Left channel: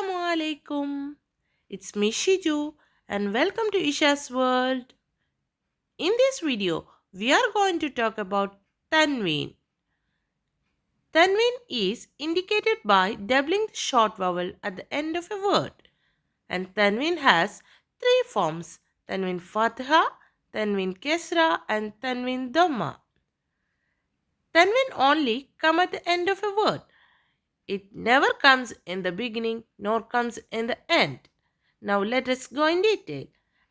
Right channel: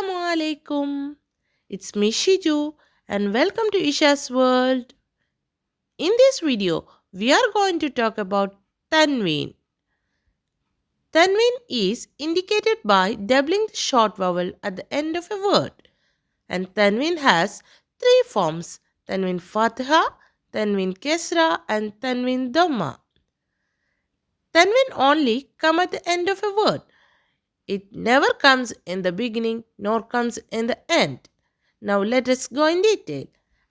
Assalamu alaikum. It's me Shiju and welcome to Isha's World. In this video, we are going to talk about Thanween. Thanween is indicated by doubling the short vowel at the end of a word. And Thanween has three forms: Thanween Fatha, Thanween Kesra and Thanween Dhamma. Thanween only come at the end of a word. It never comes in the beginning nor comes in the end. Now let us go in detail.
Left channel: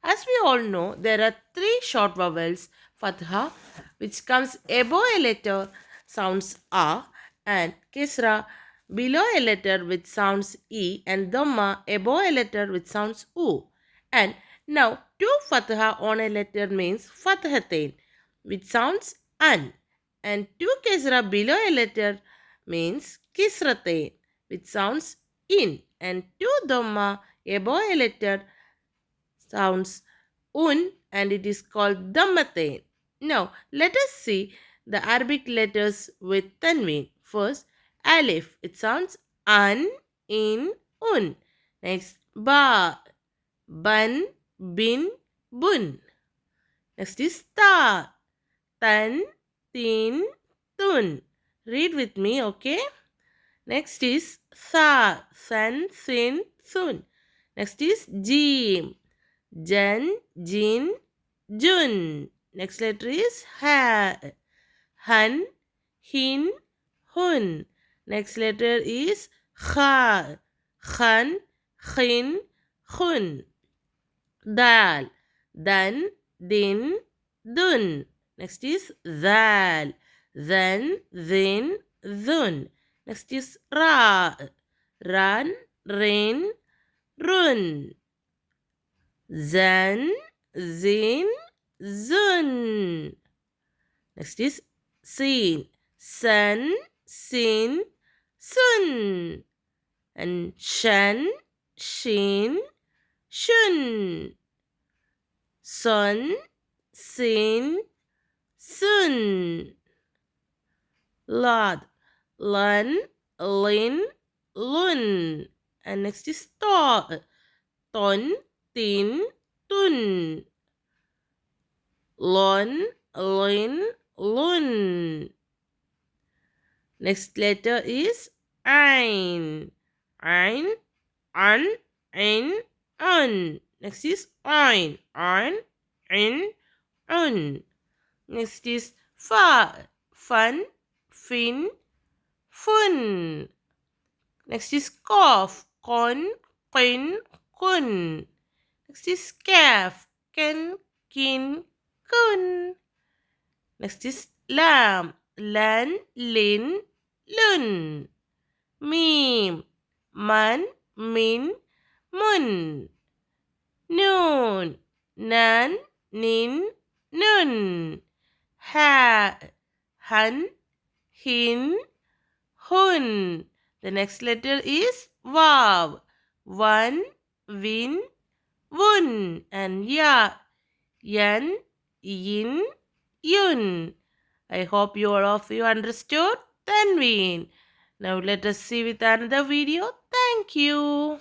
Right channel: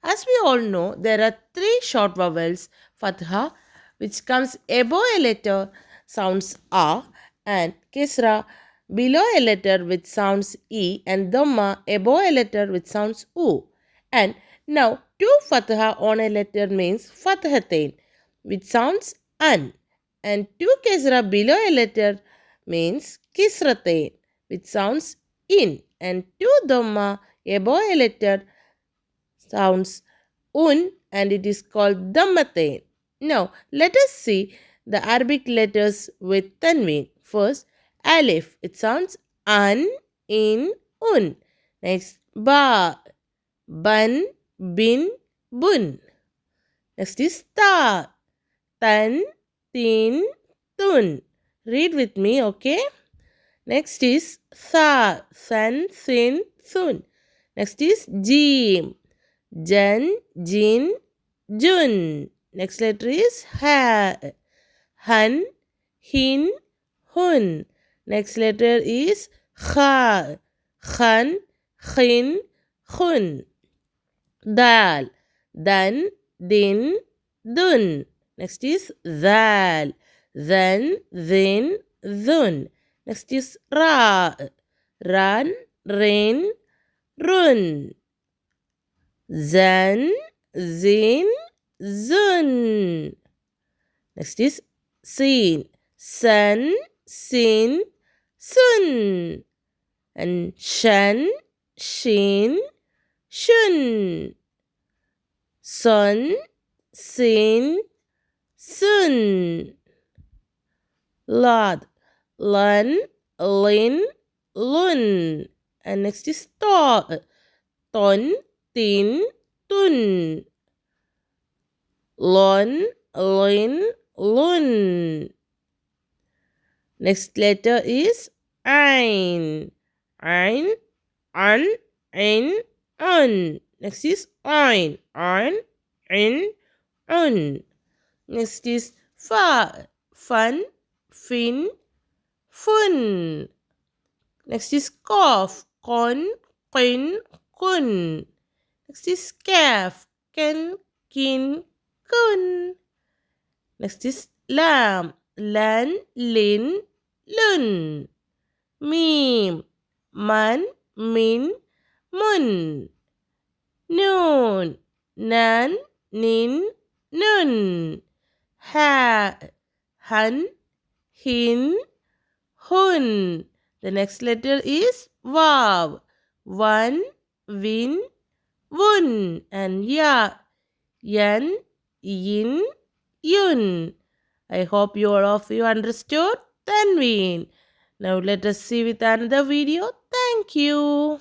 As we all know, there are three short vowels: Fatha, which comes above a letter, sounds A, and Kisra, below a letter, which sounds E, and Dhamma, above a letter, which sounds U. And now, two Fatha on a letter means Fathatain, which sounds An, and two Kisra below a letter means Kisratain, which sounds In, and two Dhamma above a letter sounds Un, and it is called Dhammatain. Now, let us see the Arabic letters with Tanween. First, Alif. It sounds An, In, Un. Next, Ba. Ban, Bin, Bun. Next is Ta. Tan, Tin, Tun. Read with me, okay? Next is Tha. San, Sin, Sun. Next is Jim. Jan, Jin, Jun. Next letter is Ha. Han, Hin, Hun. Next letter is Kha. Khan, Khin, Khun. Dal. Dan, Din, Dun. Next is Zal. Zan, Zin, Zun. Next is Ra. Ran, Rin, Run. Zan, Zin, Zun. Next is Sin. San, Sin, Sun. And Shan, Shin, Shun. Sun, Sin, Sun. Lad. Lan, Lin, Lun. And next is Ta. Ton, Tin, Tun. Lon, Lin, Lun. Next letter is Ein. Ein, An, In, Un. Next is Ein. Ein, In, Un. Next is Fa. Fun, Fin, Fun. Next is Qaf. Qon, Qin, Kun. Next is Kaf. Ken, Kin, Kun. Next is Lam. Lan, Lin, Lun. Mim. Man, Min, Mun. Noon. Nan, Nin, Nun. Ha. Han, Hin, Hun. The next letter is Vav. One, Win, Wun. And Ya. Yan, Yin, Yun. I hope you all of you understood Tanween. Now let us see with another video. Thank you.